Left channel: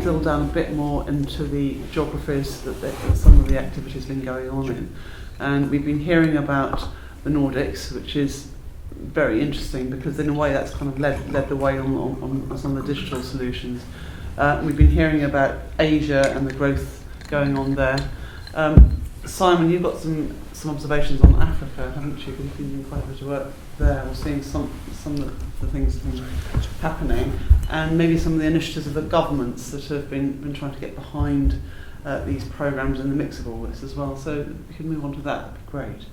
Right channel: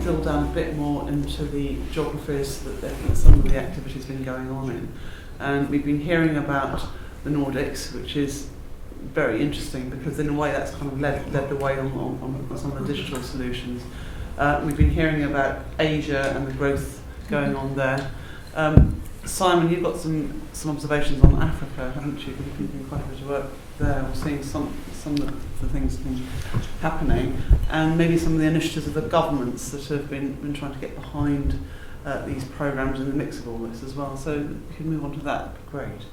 to drill down a bit more into the geographies that some of the activity's been going on in. And we've been hearing about the Nordics, which is very interesting because in a way that's kind of led the way on some of the digital solutions. We've been hearing about Asia and the growth going on there. Simon, you've got some observations on Africa, haven't you? Because you've been doing quite a bit of work there, or seeing some of the things that have been happening, and maybe some of the initiatives of the governments that have been trying to get behind these programmes in the mix of all this as well. So if we could move on to that, that'd be great.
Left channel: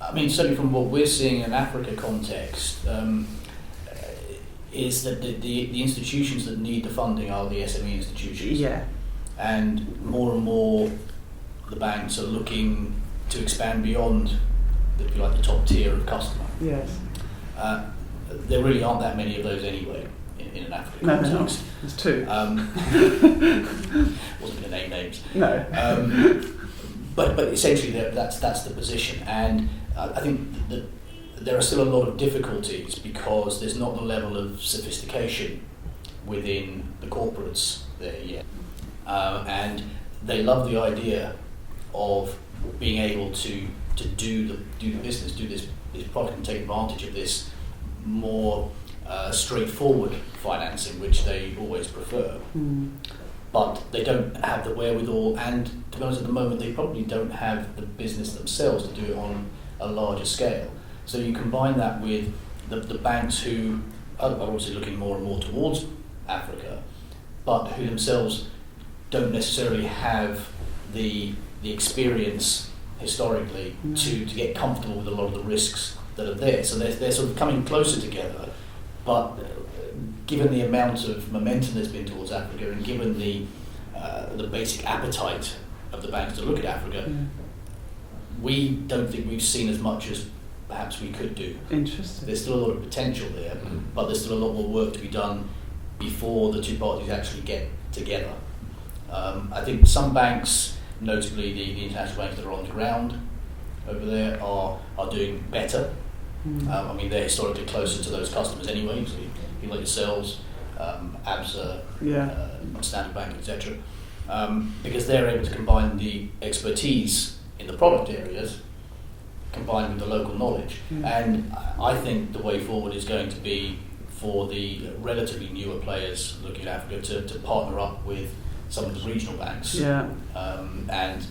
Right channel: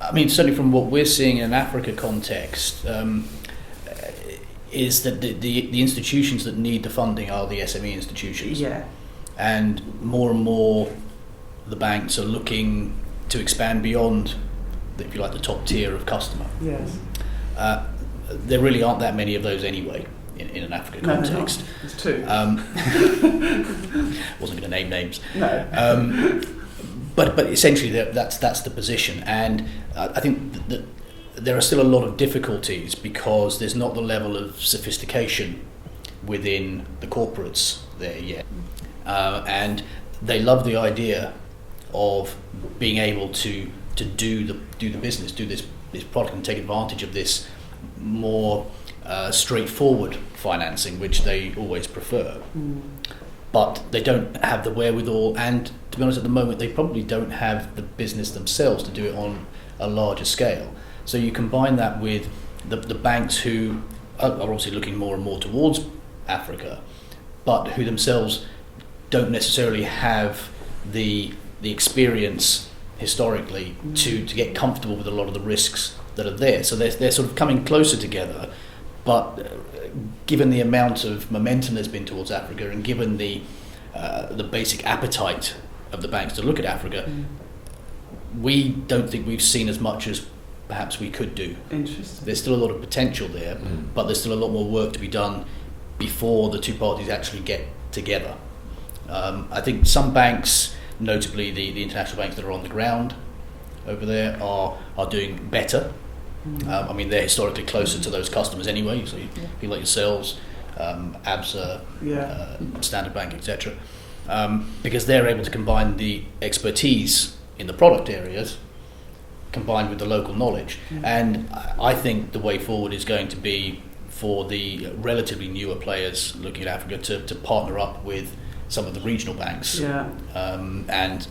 I mean, certainly from what we're seeing in an Africa context, is that the institutions that need the funding are the SME institutions. Yeah. And more the banks are looking to expand beyond, if you like, the top tier of customer. Yes. There really aren't that many of those anyway in an Africa context. No, there's two. Wasn't going to name names. No. But essentially that's the position, and I think that there are still a lot of difficulties because there's not the level of sophistication within the corporates there yet, and they love the idea of being able to do the business, do this product, and take advantage of this more straightforward financing, which they always prefer. But they don't have the wherewithal, and to be honest, at the moment they probably don't have the business themselves to do it on a larger scale. So you combine that with the banks who are obviously looking more and more towards Africa, but who themselves don't necessarily have the experience historically to get comfortable with a lot of the risks that are there. So they're sort of coming closer together, but given the amount of momentum there's been towards Africa, and given the basic appetite of the banks to look at Africa, we don't think we've seen as much as perhaps we could do. Interesting. There's still a lot of potential there, but there's still a lot more work to be done before the two parties actually get together. I think some banks, notably the international banks that are on the ground over there, are doing better. I mean, they're historically closer to those customers anyway, so people like yourselves, ABSA, Standard Bank, etc., because they're able to combine the expertise in the product areas combined with the local knowledge. And I think the way forward is going to be for the relatively newer players looking at Africa to partner up with some of the regional banks. And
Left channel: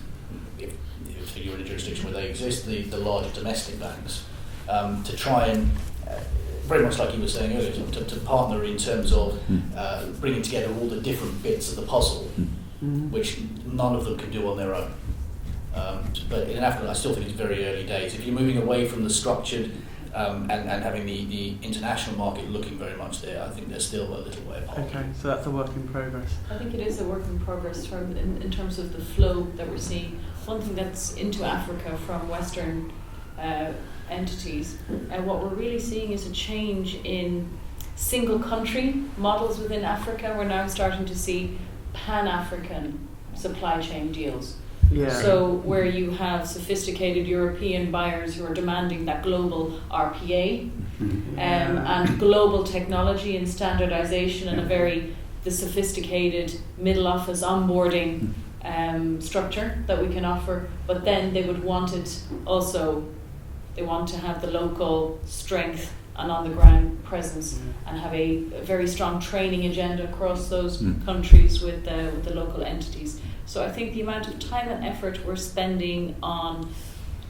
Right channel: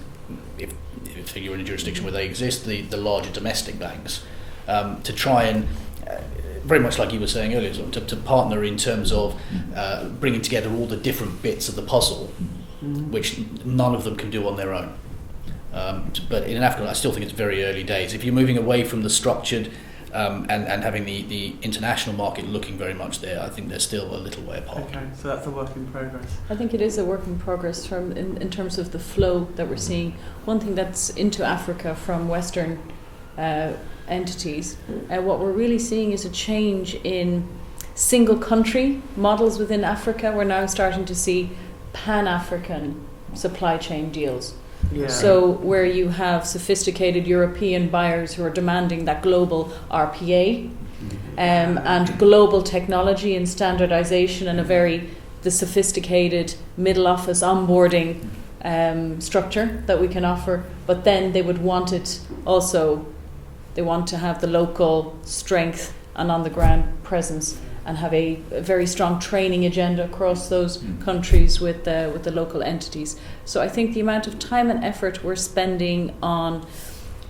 if you're in a jurisdiction where they exist, the larger domestic banks, to try and, very much like you were saying earlier, to partner in terms of bringing together all the different bits of the puzzle, which none of them can do on their own. But in Africa, I still think it's very early days. If you're moving away from the structured and having the international market looking very much there, I think they're still a little way apart. Okay, so that's a work in progress. I think it is a work in progress in terms of the flow that we're seeing. One thing that's into Africa from Western entities, what we're really seeing is a change in single country models within Africa. We're now starting to see Pan-African supply chain deals. So where you have sophisticated European buyers who are demanding that global RPA and global technology and standardization and the sophisticated middle office onboarding structure that we can offer, but then they would want it also, they want to have the local strength and on the ground presence and have a very strong training agenda across those countries with the local entities. So I think the amount of time and effort we're spending on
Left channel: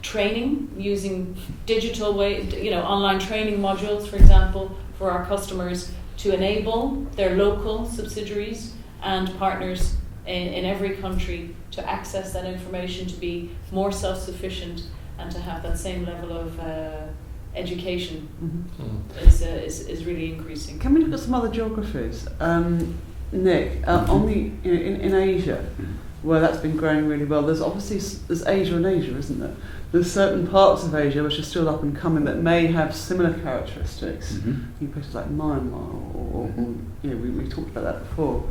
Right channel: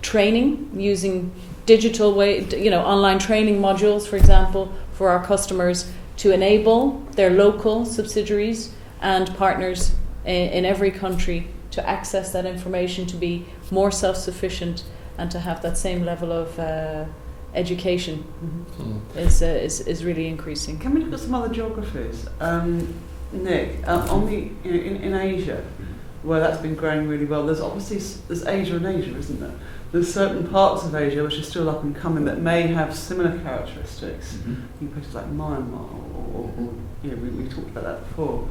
training, using digital online training modules, for example, for our customers to enable their local subsidiaries and partners in every country to access that information, to be more self-sufficient and to have that same level of education is really increasing. Can we look at some other geographies? Nick, in Asia, where that's been growing really well, there's Asia and Asia, isn't there? There's certain parts of Asia which are still up and coming that may have similar characteristics. In places like Myanmar, or we talked about that before.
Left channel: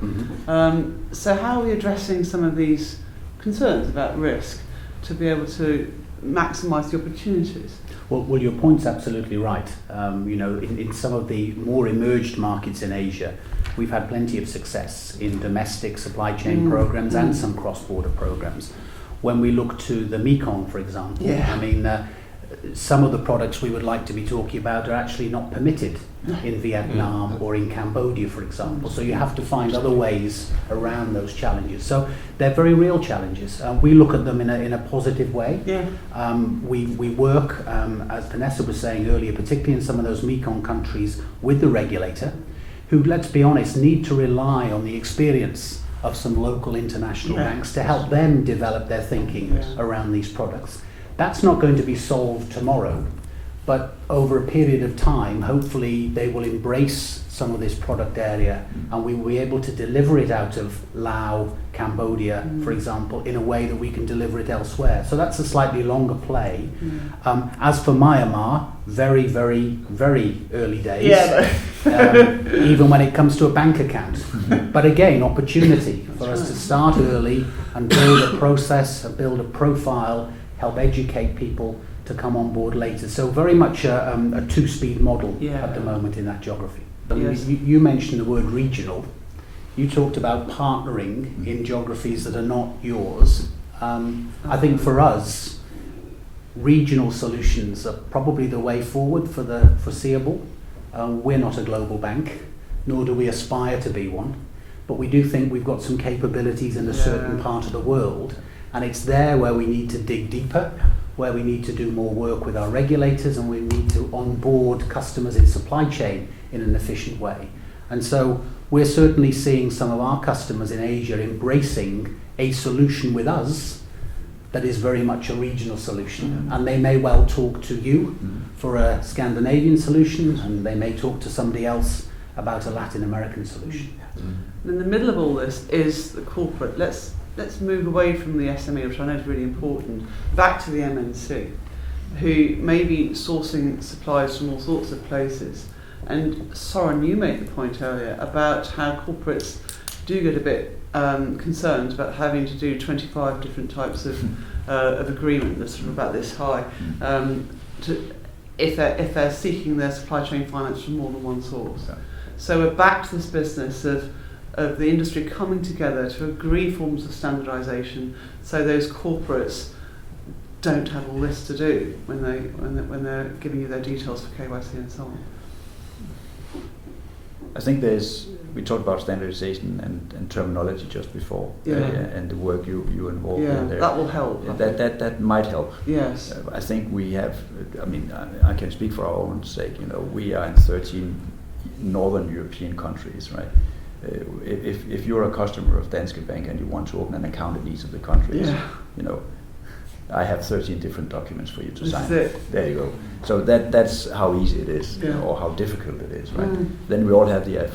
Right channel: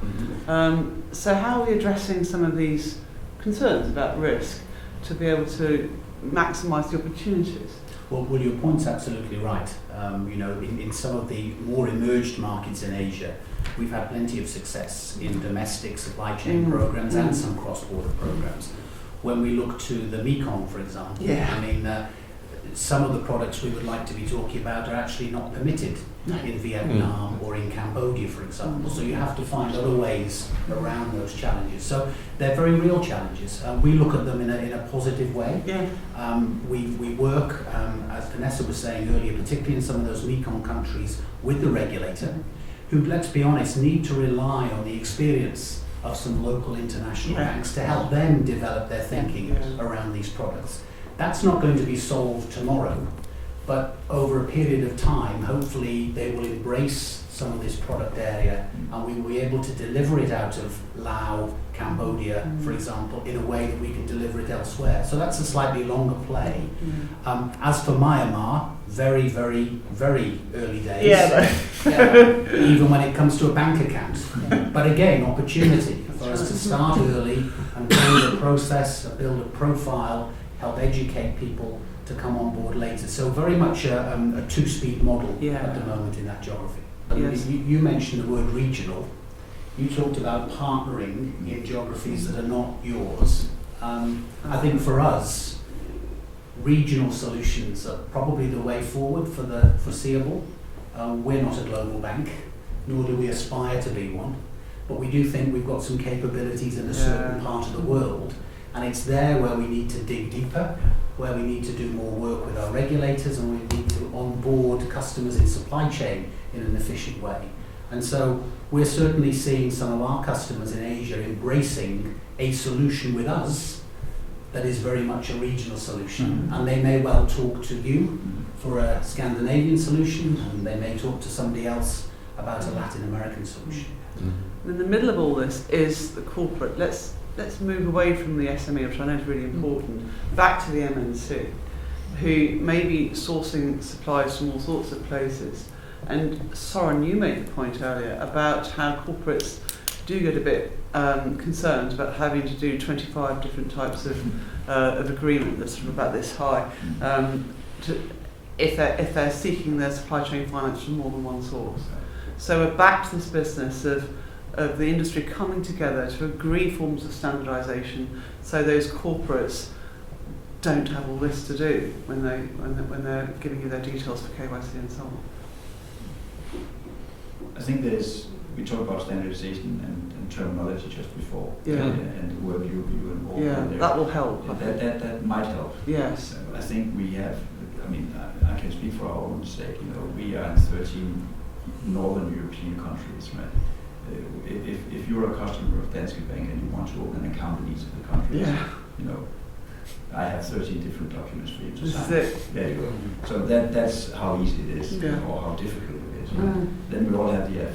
So how are we addressing some of these concerns about risk to be able to maximise the opportunities? Well, your point's absolutely right. In some of the more emerged markets in Asia, we've had plenty of success in domestic supply chain programs and some cross-border programs. When we look to the Mekong, for example, I mean, some of the products we would like to be talking about are actually not permitted in Vietnam or in Cambodia, for example. So you have to find other ways around those challenges. So they're very real challenges. We look at them in a positive way. We work, as Vanessa was saying earlier, particularly in some of those Mekong countries, with the regulator, who, let's be honest, need to rely on the experience of some local international banks to help them develop their thinking around these products. That's not going to be solved tomorrow, but over a period of time, hopefully they will embrace some of this product area and we will be able to deliver it out of Laos, Cambodia, for example, in a way that we can deliver it elsewhere. So that's a slightly longer play. As for Myanmar, very, very, very early days, even when it comes to a bank account. But again, opportunity for us to start early and build a process, build a profile, help educate people to come on board later. So very much a two-speed model at the moment in that geography. But you mentioned the word regional. You talked about partnering in geographies that are not yours. I think for us, regional solutions are probably the way forward for the foreseeable. We're not a global bank, nor do we aspire to be one. But we do think we've got some capabilities in a certain part of the world. And it's there where we need to dig deeper, where we need to do more work with our regulators, and we need to onboard customers in supply chain in an efficient way. And so we're certainly seeing some of our customers in Asia embracing a solution with us that is very much a regional solution. And they may well talk to you for a Scandinavian solution, and they may talk to somebody else about a Latin American solution. In the middle of all this is the corporate. Let's move away from the SME, which I know is really important, back to the MNC, who may be sourcing supplies from all sorts of places. And Soren, you made the point earlier about how corporates do get a bit concerned about having to do 25 different types of agreement that's sort of about this high, if they're seeking their supply chain finance from more than one source. So we're back to this business of the industry coming together to agree forms of standardisation, so those corporates don't have all this to do when they're giving you their details for KYC and so on. I think we talked about standardization and terminology just before, and the work you involved in there. That will help. That might help. Yes. I think we have. I mean, I can speak for our own sake. You know, we are in 13 northern European countries, right? If you're a customer of Danske Bank and you want to open an account in each of the countries, you know, I have 13 different documents for you to sign. There you go. So that's how easy it is, you know, or how difficult it is. Right? Then we all have the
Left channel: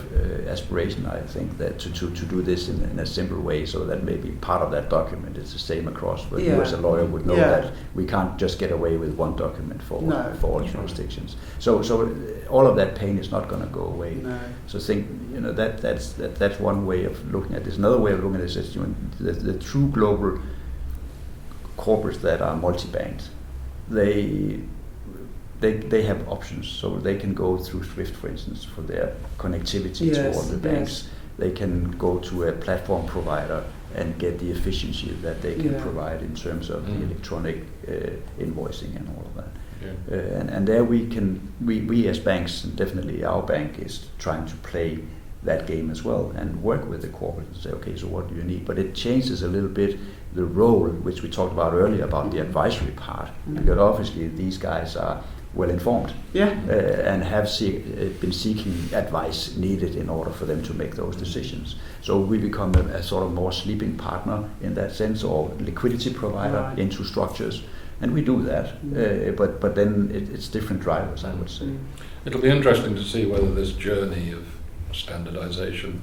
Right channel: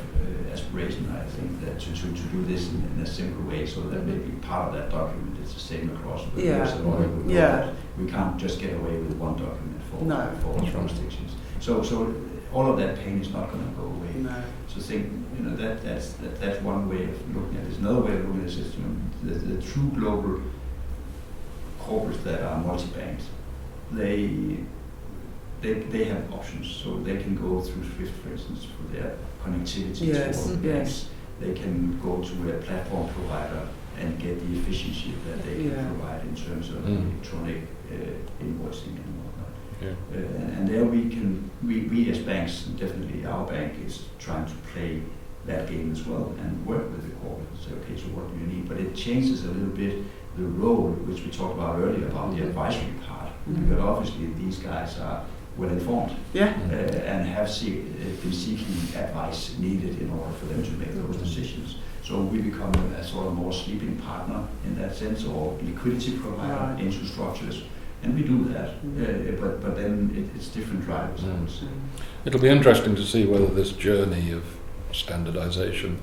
aspiration, I think, that to do this in a simple way, so that maybe part of that document is the same across. But you as a lawyer would know that we can't just get away with one document for all jurisdictions. So all of that pain is not going to go away. No. So think, you know, that's one way of looking at this. Another way of looking at this is the true global corporates that are multi-banked, they have options, so they can go through SWIFT, for instance, for their connectivity to all the banks. They can go to a platform provider and get the efficiency that they can provide in terms of electronic invoicing and all of that. And there we as banks, and definitely our bank is trying to play that game as well and work with the corporate and say, okay, so what do you need? But it changes a little bit the role, which we talked about earlier, about the advisory part, because obviously these guys are well informed and have been seeking advice needed in order for them to make those decisions. So we become a sort of more sleeping partner in that sense, or liquidity provider into structures, and we do that. But then it's different drivers, I would say. It'll be interesting to see whether this journey of standardization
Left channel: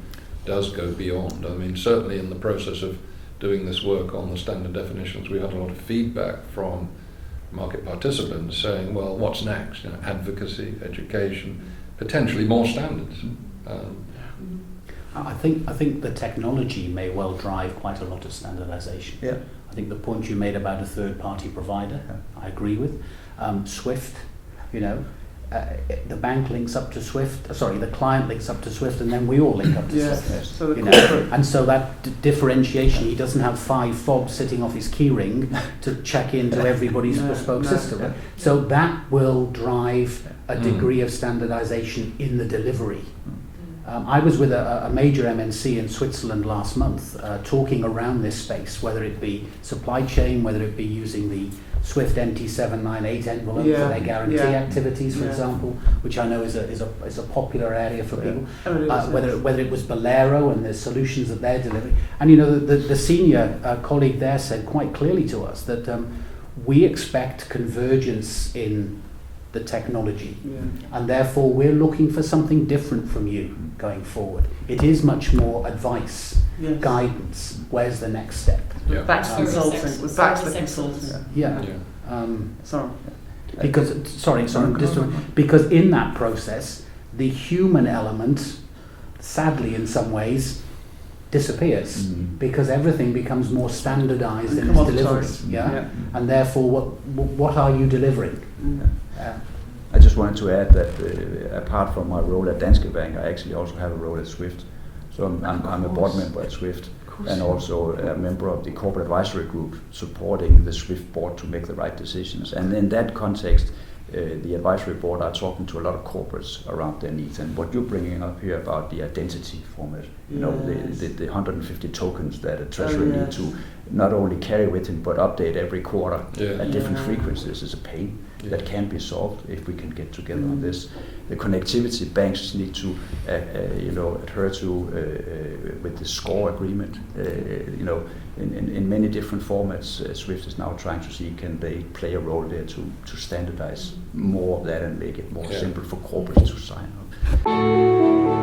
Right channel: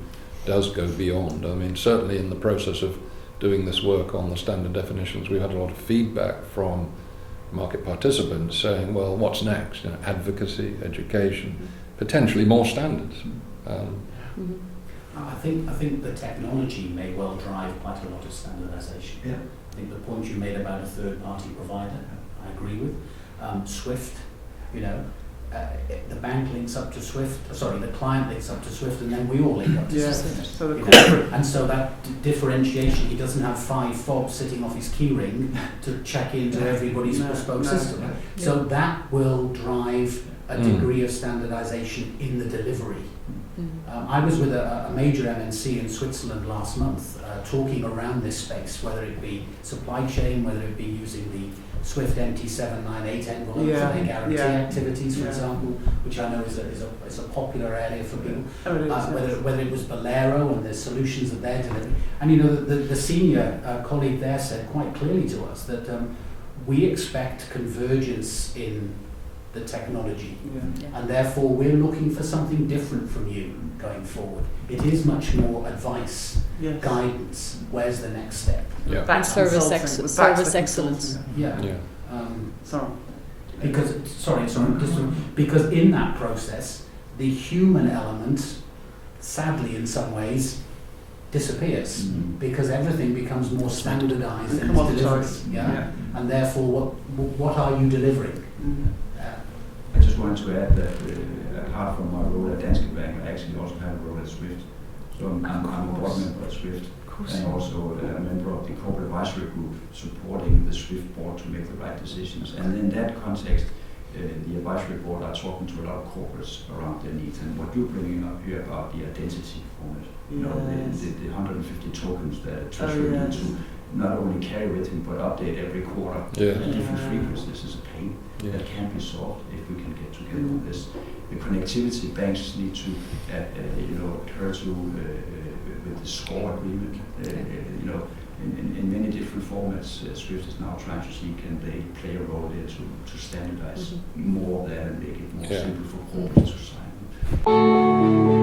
does go beyond. I mean, certainly in the process of doing this work on the standard definitions, we had a lot of feedback from market participants saying, well, what's next? You know, advocacy, education, potentially more standards. I think the technology may well drive quite a lot of standardization. I think the point you made about a third-party provider, I agree with. SWIFT, you know, the bank links up to Swift, the client links up to Swift, and then we all link up to Swift. Yes. So the You corporate. And so that differentiation, he doesn't have 5 fobs sitting off his keyring to check into everybody's bespoke system. Yeah. So that will drive a degree of standardization in the delivery. I was with a major MNC in Switzerland last month talking around this space, whether it be supply chain, whether it be using the Swift MT798 envelope for their guarantee activities, for example, which I know is a popular area for people. Oh, it is, Whether it was Bolero and the solutions that they're delivering. And you know, the senior colleague there said quite clearly to us that we expect convergence in the technology, and therefore we're looking for something different from you going forward. It is much more advice, guidance. Where's the next step? Back to Service consulting. ex- Back to service the excellence. consulting. Yeah. Sorry. Because in that process, the human element, sadly in some ways, disappears because everything becomes more standardized in its delivery. And therefore, what are you delivering? I just wanted to add that apart from my role at Danske Bank, I actually also have a role at Swift. So I'm a board member at Swift and also a member of the corporate advisory group supporting the Swift board to make the right decisions. And in that context, the advisory board are talking to a lot of corporates around their needs. And what you're bringing up here about the identity format, you know, the 150 tokens that a treasurer need to not only carry with him but update every quarter at different frequencies is a pain that can be solved if we can get together on this. The connectivity banks need to adhere to with the score agreement. In many different formats, Swift is now trying to see can they play a role there to standardize more of that and make it more simple for corporates to sign up.